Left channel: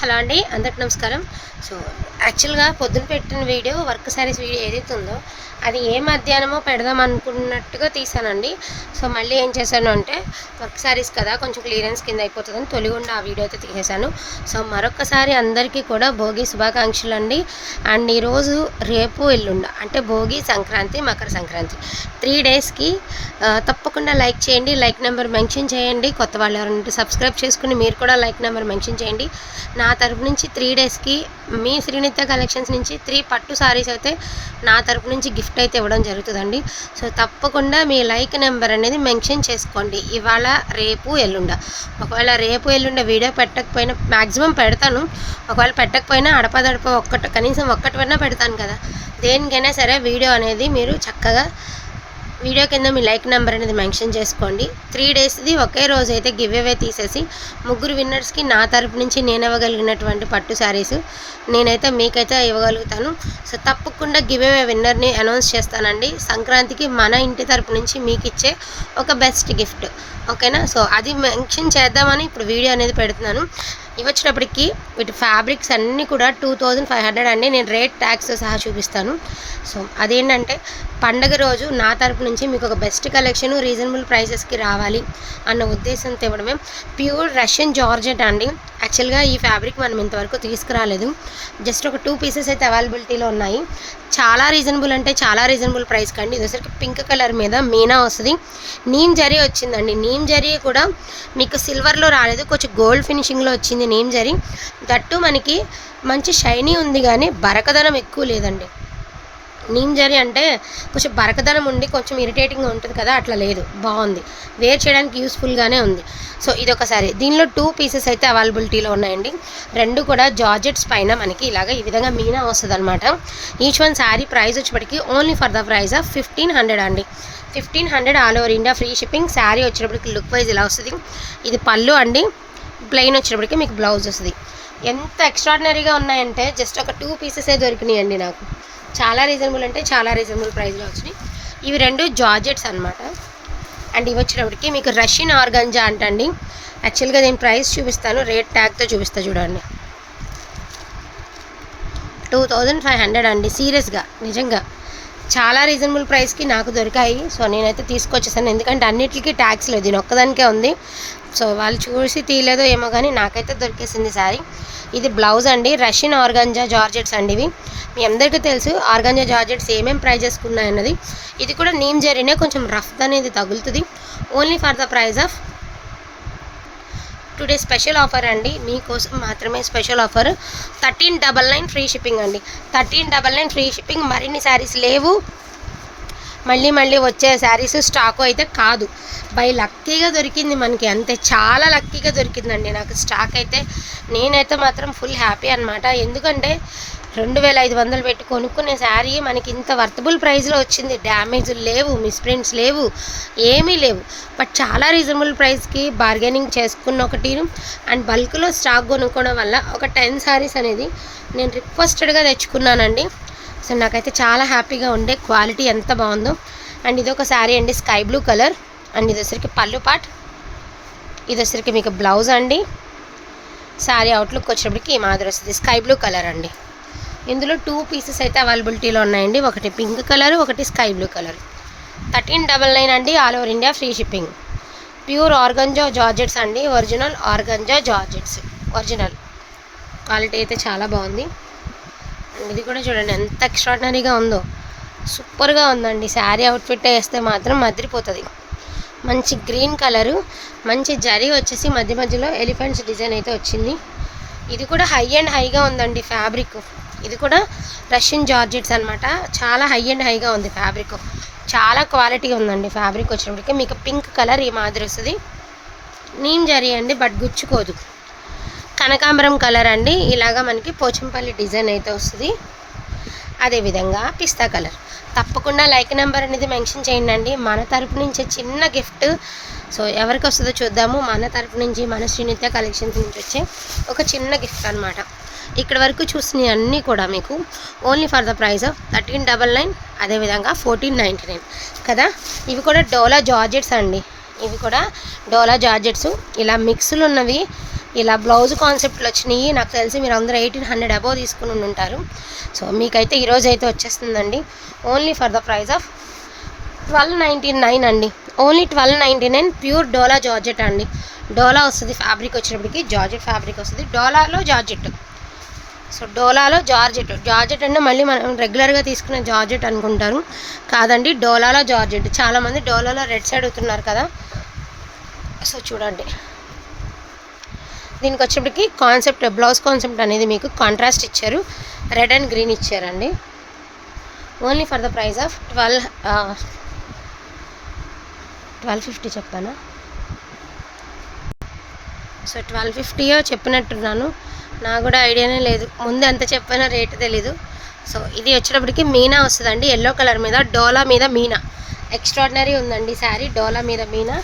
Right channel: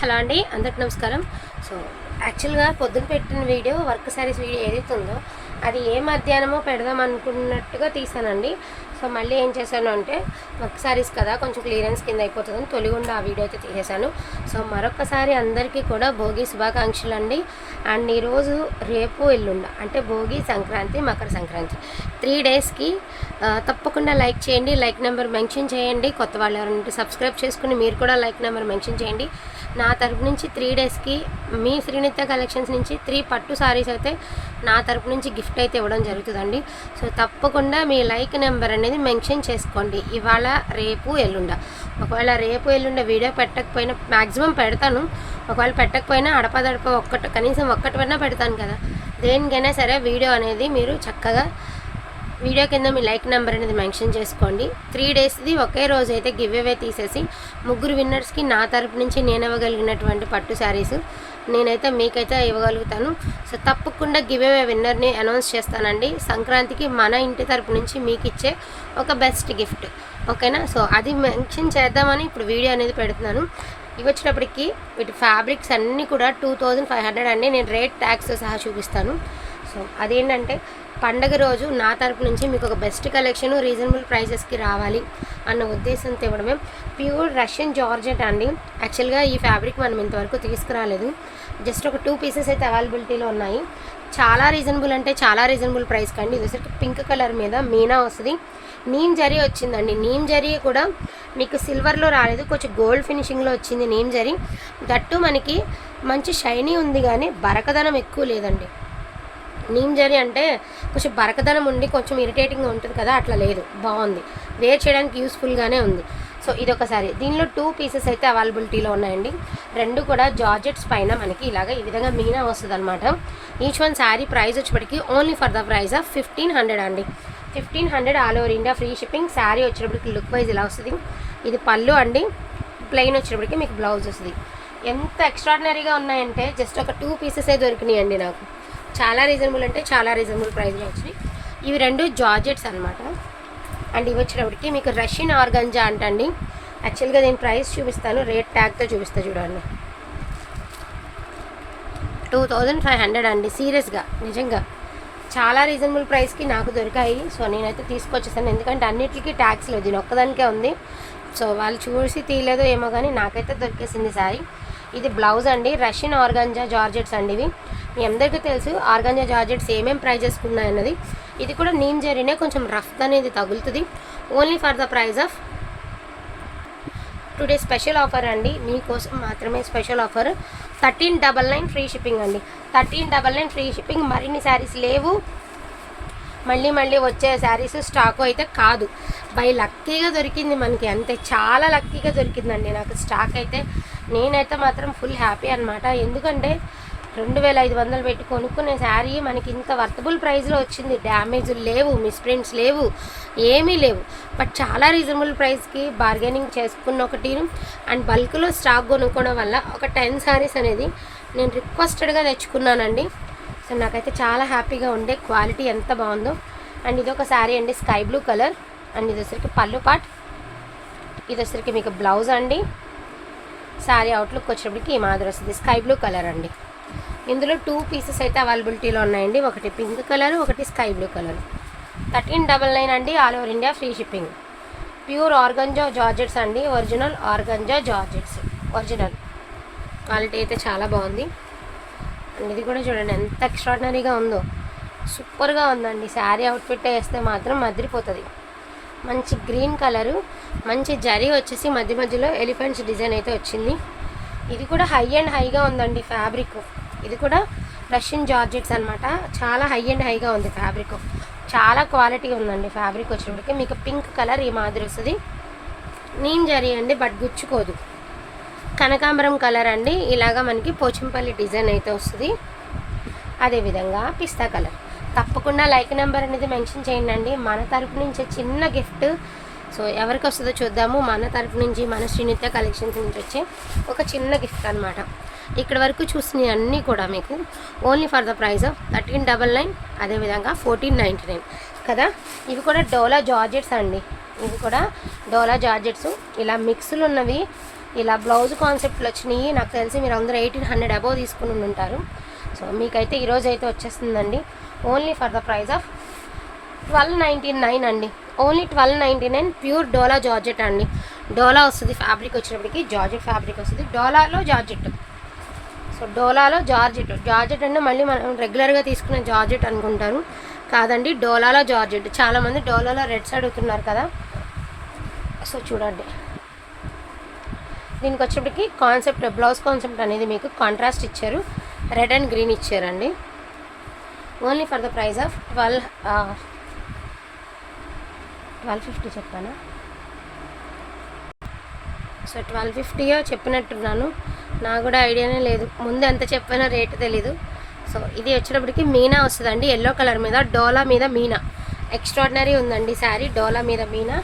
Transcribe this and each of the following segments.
Hello అండి అందరికి నమస్కారం. సో యాక్చువల్గా పొద్దున పెట్టిన వీడియో వర్క్ సారీస్ వీడియో ఏదైతే ఉందో అది ఏ మధ్యాహ్నమో పెడదాం అనుకున్నట్టుగా తీసానండి. సో మళ్ళీ ఏం చేశాను అంటే వర్క్ సారీస్ కదా కొంచెం క్లియరెన్స్ కింద అయిపోతుందని తొలిగుండా ఆ వీడియో అయితే తీసేశాను. సో మరొకసారి అందరికీ కూడా భోగి శుభాకాంక్షలు అండి అండ్ ఈరోజు రేపు ఎల్లుండ అంటే భోగి సంక్రాంతి మకర సంక్రాంతి. త్రీ డేస్కి తప్పకుండా లైక్ చేయండి లైక్ నెంబర్ మెన్షన్ చేయండి. కొత్త వాళ్ళు ఎవరంటే సబ్స్క్రైబ్ చేసుకుని మీరు కూడా లైక్ నెంబర్ మెన్షన్ చేయండి. నా తరపు నుంచి త్రీ డేస్కి మీ శ్రీనిత్య కలెక్షన్స్ నుంచి త్రీ పట్టు సారీస్ అయితే నా తరపు నుంచి గిఫ్ట్ అయితే ఇవ్వడం జరుగుతుందండి. సో తప్పకుండా మీ లైక్ నెంబర్ అనేది మెన్షన్ చేసుకోండి. ఇవాళ రేపు ఎల్లుండ. ఒకవేళ రేపు ఎల్లుండ వీడియో పెట్టకపోయినా మ్యాక్సిమం పెడతాను. ఒకవేళ పెట్టకపోయినా అడపదడప ఒక్కటి కనీసం ఒక్కటి పెడతాను కదా. దేనికైనా సరే వీడియో అనేది మీరు చక్కగా వీడియో కింద మీ లైక్ నెంబర్ అనేది మెన్షన్ చేసుకోండి. త్రీ డేస్ది ఒకే రోజు అయితే గివ్ అవే తీసేసి ముగ్గురు విన్నర్స్కి నా తరపు నుంచి నేను ఇవ్వగలిగినటువంటి పట్టు శారీస్ నేనైతే మీకైతే ఇవ్వగలుగుతాను. సో తప్పకుండా గివ్ అవే విన్నర్ని అనౌన్స్ చేస్తానండి. సంక్రాంతికి మన ఇంటి తరపు నుంచి మీకు ఇచ్చే ఒక బెస్ట్ గిఫ్ట్. ఓకేనా? సో అది మెన్షన్ చేద్దామని ఇప్పుడు వీడియో అనేది పెడుతున్నాను. ఇవి వచ్చినప్పటికీ వీటి ఫ్యాబ్రిక్స్ అన్నీ కూడా టూ థౌజండ్ ఫైవ్ హండ్రెడ్ అండి. నేను రేట్ ట్యాక్స్ సహా చూపిస్తాను. సో అదేంటంటే పండగ రోజు నా తరపు నుంచి మీకు ఒక బెస్ట్ కలెక్షన్ రీజనబుల్ ప్రైసెస్కి రావాలి అన్న ఉద్దేశంతో ఇవ్వడమే. ప్యూర్ రష్యన్ జార్జెట్ అండి. యాక్చువల్గా ఈ ఫ్యాబ్రిక్ మనం ఇంతవరకు తీసుకురాలేదు. జస్ట్ ఒక టూ పీసెస్ అయితే అవైలబిలిటీలో ఉన్నాయి. చాలా రీజనబుల్ అంటే చాలా రీజనబుల్ ప్రైస్ కండి. ఇదొసరికి పింక్ కలర్ మీద మీనా వస్తుంది. నీమ్ జరీ వచ్చిందండి. నీమ్ జరీ కూడా మీకు సిల్వర్లో రాలేదు. కొంచెం గోల్డ్ ఫినిషింగ్లో వచ్చింది నీమ్ జరీ. గట్టు మనకి మంచి షైనీ ఉంది కానీ బరకదనం ఎక్కువ లేదండి. నీమ్ జరీ అంటే కొంచెం బరకదనం ఉండి కొంచెం ఇరిటేటింగ్గా ఉంటుంది కదా అట్లా లేదు. బాగుంది. వేర్ చేయడానికి యూస్ఫుల్గానే ఉంది. సో ఇది ఒకసారి దీనిలో టూ పీసెస్ అయితే అవైలబిలిటీలో ఉన్నాయండి. రెండు కూడా జార్జెట్స్ పైన మనకి ఇలాగ ఈ విధంగా మీనా వస్తుంది అనమాట ఈచ్ వన్ శారీ ప్రైస్ వచ్చేప్పటికి only for the price of fifteen hundred అండి. Fifteen hundred all over India free shipping sari వచ్చేటప్పటికి లుక్ వైజ్ ఇలా వస్తుంది. ఇది పళ్ళు అండి. ప్లెయిన్ వచ్చేటప్పటికి మీకు బ్లౌజ్ వస్తుంది. ఎంత ఎక్స్ట్రాడినరీగా ఉన్నాయంటే జస్ట్ ఒక టూ పీసెసే దొరికినాయి అండి నాకు. చాలా రీజనబుల్ అంటే చాలా రీజనబుల్ ప్రైస్లో వచ్చినాయి. ఇవి రెండు జార్జెట్స్ అనమాట అండ్ ఇవి వచ్చినప్పటికి మీకు రష్యన్ ఆర్గంజా అంటండి. యాక్చువల్గా నేను ప్రైస్ చూపిస్తాను రేట్ ట్యాగ్తో చూపిస్తా చూడండి. టూ థౌజండ్ ఫైవ్ హండ్రెడ్ అండి సీరియస్గా నిజంగా. చాలా రీజనబుల్ ప్రైస్కి నాకు దొరికాయి. సో నేనైతే తీసుకొచ్చేసాను. ఎందుకంటే అన్నిటికీ ట్యాక్స్ లేదు. దీని ఒక్కదానికే ఉంది. సో వాళ్ళు చూసి తీయలేదో ఏమో కానీ నాకైతే దొరికేసింది సారీ ఇది బ్లౌజ్ అండి రష్యన్ ఆర్గంజా జార్జెట్స్ అండి ఇవి. మీ అందరికీ తెలుసు ఆర్గంజా జార్జెట్స్ ఏమేం ప్రైజెస్కి ఉన్నాయన్నది ఇది కూడా నీమ్ జరీనే కొంచెం రఫ్ అనేది తగులుతుంది. Only for the price of today special offer అండి. మీకోసం మాత్రమే special offer thirteen double nine free shipping అండి. Thirteen double nine free shipping మరిన్ని శారీస్ లేవు. మళ్ళీ మళ్ళీ వచ్చే శారీస్ స్టాక్ అయితే కాదు. బై లక్కీగా దొరికింది మనకి అంతే. చాలా లక్కీగా దొరికిందండి. నాకు స్టాక్ అయితే నేనైతే మాత్రం ఫుల్ హ్యాపీ అనమాట ఎందుకంటే రెండు వేల ఐదు వందలు పెట్టి కొనుక్కునే శారీ మనకి ఇంత వర్తబుల్ ప్రైస్లో వచ్చింది. డ్యామేజ్ లేవు మిస్ప్రింట్స్ లేవు ఏమీ లేవు. బట్ చాలా రీజనబుల్ ప్రైస్కి బార్గెనింగ్ చేసుకున్న ఒకటి అండ్ బల్క్లో స్టాక్ కొనుక్కోవడం వల్ల ఒక టెన్ శారీస్ అనేది నేను రిక్వెస్టెడ్గా తెచ్చుకున్నానండి. సో నాకైతే చాలా హ్యాపీగా ఉండే. క్వాలిటీ ఎంత బాగుందో. అండ్ ఇది ఒక శారీ అండి స్కై బ్లూ కలర్. అండ్ ఇది వచ్చరికి పళ్ళు పాట్ ఇది వచ్చరికి మీకు బ్లౌజ్ అండి. శారీ అవుట్లుక్ వచ్చేటప్పటికి ఈ మాదిరి వస్తుంది. స్కై బ్లూ కలర్ అండి. ఇందులో టూ పీసెస్ అయితే అవైలబిలిటీలో ఉన్నాయండి. ఒకటి పింక్ కలర్ ఒకటి sky blue colour. Thirteen double nine అండి all over India free shipping pure organza georgettes అండి. Original organza georgettes original quality అయితే చాలా బాగుంది. ఇది కూడా చూడండి ఎంత ఎక్స్ట్రాడినరీగా ఉందో. సూపర్గా ఉందండి. శారీ అవుట్ఫిట్ వేస్తే మాత్రం మదిరిపోతుంది. మంచి గ్రీన్ కలరు మంచి జరీ వచ్చేసి మధ్య మధ్యలో ఎలిఫెంట్స్ డిజైన్ అయితే వచ్చింది. ఇది కూడా హై అండ్ హైగా ఉందండి ఫ్యాబ్రిక్ ఇది కూడా రష్యన్ జార్జెట్స్ అనమాట చాలా హై అండ్ హైగా ఉంది ఫ్యాబ్రిక్ చాలా క్వాలిటీ ఉందండి ఫ్యాబ్రిక్ వచ్చినప్పటికీ. మీకు పింక్ కలర్ ఈ మాదిరి వస్తుంది. నీమ్ జరీ అండి బట్ గుచ్చుకోదు. కనకాంబరం కలర్ అండి. ఇలాగా మనకి పోచంపల్లి డిజైన్ అయితే వస్తుంది. అదేవిధంగా పిస్తా కలర్. తప్పకుండా లైక్ నెంబర్ అనేది మెన్షన్ చేయండి అండి. మన తరపు నుంచి చిన్న గిఫ్ట్. సో ఎవరికి వస్తుందో చూద్దాము. మన తరపు నుంచి మన శ్రీనిత్య కలెక్షన్స్ నుంచి వచ్చే ఒక చిన్న గిఫ్ట్ అనమాట ఇక్కడ వరకు చూసినవి అన్నీ కూడా మీకు only for the price of thirteen double nine అదేవిధంగా ఫోర్టీన్ నైంటీ నైన్. కదా? ఇవి కూడా డోలా జార్జెట్స్ అండి. ఇవి కూడా డోలా జార్జెట్స్. ఇలా మిక్స్లు ఉన్నవి ఇలా బ్లౌజ్ కాన్సెప్ట్లు వచ్చినాయి. నాకు తెలిసి మీరు అందరూ ఎయిటీన్ హండ్రెడ్ అబోవ్ తీసుకుని ఉంటారు. సో మీకైతే ఈరోజు అయితే వచ్చేస్తుందండి. Only for the price of twelve ninety nine అండి. Only twelve ninety nine pure డోలా జార్జెట్ అండి. డోలా వస్తుంది ఫ్యాబ్రిక్ వచ్చినప్పటికి జార్జెట్ ఫ్యాబ్రిక్ వస్తుంది. డోలాలో జార్జెట్ సో డోలాలో జార్జెట్ జార్జెట్ అంటే మళ్ళీ మనం రెగ్యులర్గా తీసుకునే జార్జెట్ అనుకుంటారు. కాదండి డోలాలో జార్జెట్ చాలామంది డోలాలో రెడ్ సైడ్ అవుతున్నారు కదా. సో చూడండి. దీనికి వచ్చేప్పటికి కాన్సెప్ట్ బ్లౌజ్ కాన్సెప్ట్ అనేది మీకు కాంట్రాస్ట్ ఇచ్చారు. రెడ్ అండ్ గ్రీన్ ఇచ్చారండి. Only for the price of twelve twelve fifty చెప్పానా సో ట్వెల్వ్ ఫిఫ్టీయో చెప్పినట్టున్నాను. నాకు కూడా ఐడియానే లేదు. ముందు ఎంత చెప్పానో రేటు తెలీదు. సో ఇది వచ్చేటప్పటికి మీనా వస్తుందండి. ఎల్లో కలర్ మీద డోలా మీద మీనా. ఎక్స్ట్రాడినరీ ఉందండి శారీ డోలా మీద మీనా.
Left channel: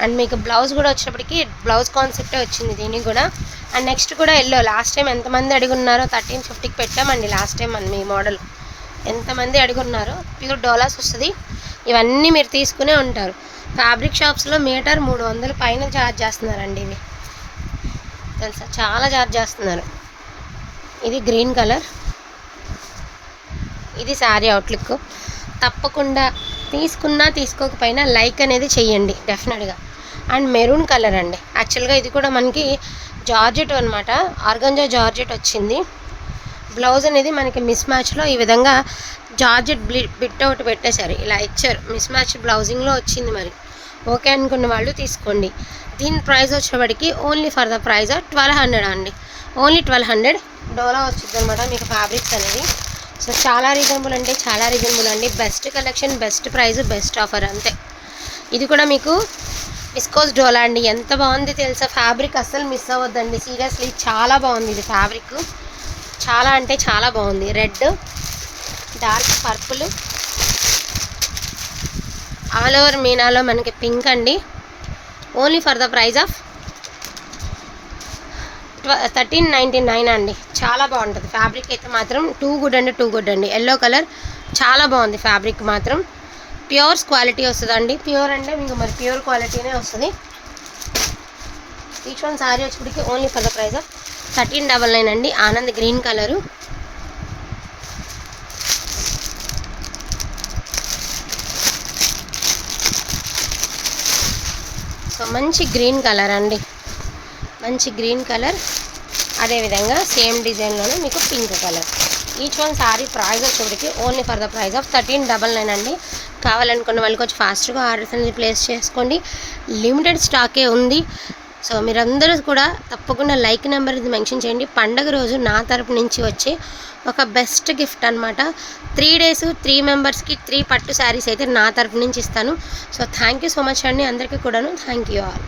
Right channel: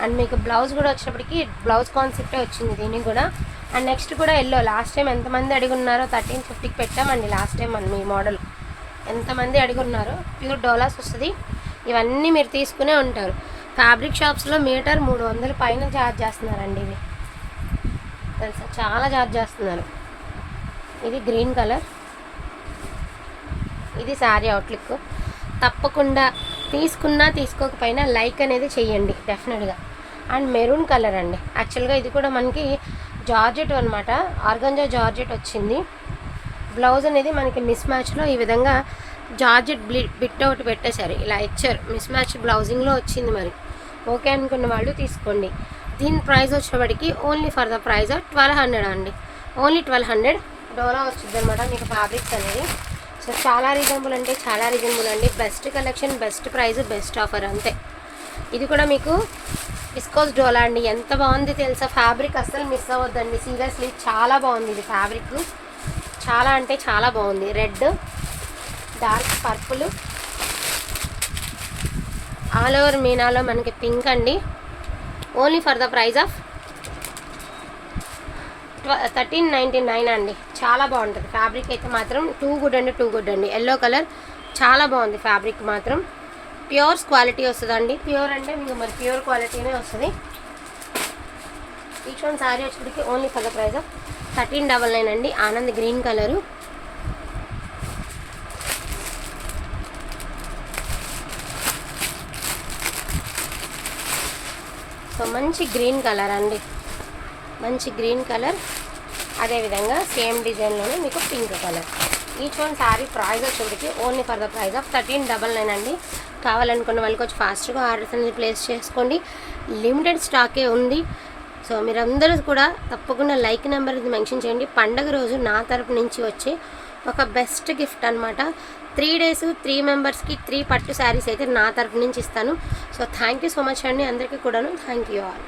అండ్ మీకు బ్లౌజ్ కూడా వచ్చేటప్పటికి బ్లౌజ్ కాన్సెప్టే వచ్చింది దీనికి కూడా. అండ్ నెక్స్ట్ కూడా ఎల్లో. లాస్ట్ టైం ఎంతమంది అడుగున్నారో థర్టీన్ ఫిఫ్టీకి పెట్టామండి లాస్ట్ టైం మన మీ మోడల్ ఎంతమంది అడుగున్నారో ప్యూర్ డోలాస్ వస్తుంది. ఇవన్నీ మీరు తీసుకునే ఉంటారు. ఫ్యాబ్రిక్ షాప్స్లో మీటర్ మూడు వందల పైన ఛార్జ్ చేస్తున్నారండి ఇవి. తెలుసా? చాలా ఛార్జ్ చేస్తున్నారు. ఇది గ్రీన్ కలర్ ఇది శారీ అవుట్లుక్ తప్పకుండా తీసుకున్నా తీసుకోకపోయినా లైక్ అనేది చెయ్యండి డెఫినెట్గా. అండ్ మెరూన్ కలర్ అండి. యాక్చువల్గా ఇది కూడా మనకి జార్జెట్ అనమాట ఆర్గంజా జార్జెట్ వచ్చింది. బ్లౌజ్ అనేది మనకి మిస్ మ్యాచ్లో ఈ విధంగా జార్జెట్ బిట్ అవుట్ పెట్టేశారు. ఇలా ఇచ్చారు. మిస్ మ్యాచ్ బ్లౌజింగ్లో వచ్చింది మరి. ఓకే అనుకున్న వాళ్ళు తీసుకోండి. దీని ప్రైస్ వచ్చేవాడికి only for the price twelve hundred అండి. ఓన్లీ ట్వెల్వ్ హండ్రెడ్ డోలా వచ్చింది అనమాట మీకు ఫ్యాబ్రిక్స్ అనేది. సో చాలా రీజనబుల్ అంటే చాలా రీజనబుల్ అండి. Best collection best price best offer అంతే. ఇది కూడా మీకు విస్కోస్ డోలా అండి. ఎంత బాగుంది తెలుసా? ఫ్యాబ్రిక్ అస్సలు మిస్ అవ్వద్దండి. సీరియస్లీ చాలా బాగుంది ఇది ఫ్యాబ్రిక్ చాలా అంటే చాలా బాగుంది. Red dark purple all over మీనాలో మనకి పింక్ అండి. Only for the price of thirteen ninety nine అండి. చాలా బాగుంటుంది. ఫ్యాబ్రిక్ అయితే మాత్రం టూ గుడ్ అండి టూ గుడ్ అండి. ఎల్లో కలర్ చాలా బాగుంది ఫ్యాబ్రిక్ మాత్రం. ప్యూర్స్ క్వాలిటీ వస్తుందండి. ప్యూర్ అంటే మీకు మరి ప్యూర్ క్వాలిటీనే వస్తుంది. Each one sari వచ్చేటికి only colour price thirteen double nine అండి. ఆనంద్ గ్రీన్ కలరు సో మంచి గ్రీన్ కలర్ అండి. మంచి గ్రీన్ కలర్ అదేవిధంగా సేమ్ డిజైన్లోనే మీకు pink colour. Each one sari price వచ్చేటికి only for the price of thirteen double nine అండి. కావాలనుకున్న వాళ్ళకి వచ్చి ఫాస్ట్గా ఆర్డర్స్ అనేది ప్లేస్ చేసుకోండి. లిమిటెడ్ స్టాకే ఉంది. సో మీరందరూ కూడా తప్పకుండా లైక్ నెంబర్ ఇది మెన్షన్ చేయండి. పండగ రోజు నా తరపు నుంచి వచ్చే ఒక బెస్ట్ గిఫ్ట్ అనమాట త్రీ డేస్ త్రీ మెంబర్స్కి త్రీ పట్టు శారీస్ అయితే నా తరపు నుంచి ఇస్తాను. So thank you so much అండి అందరికీ కూడాను. Thank you all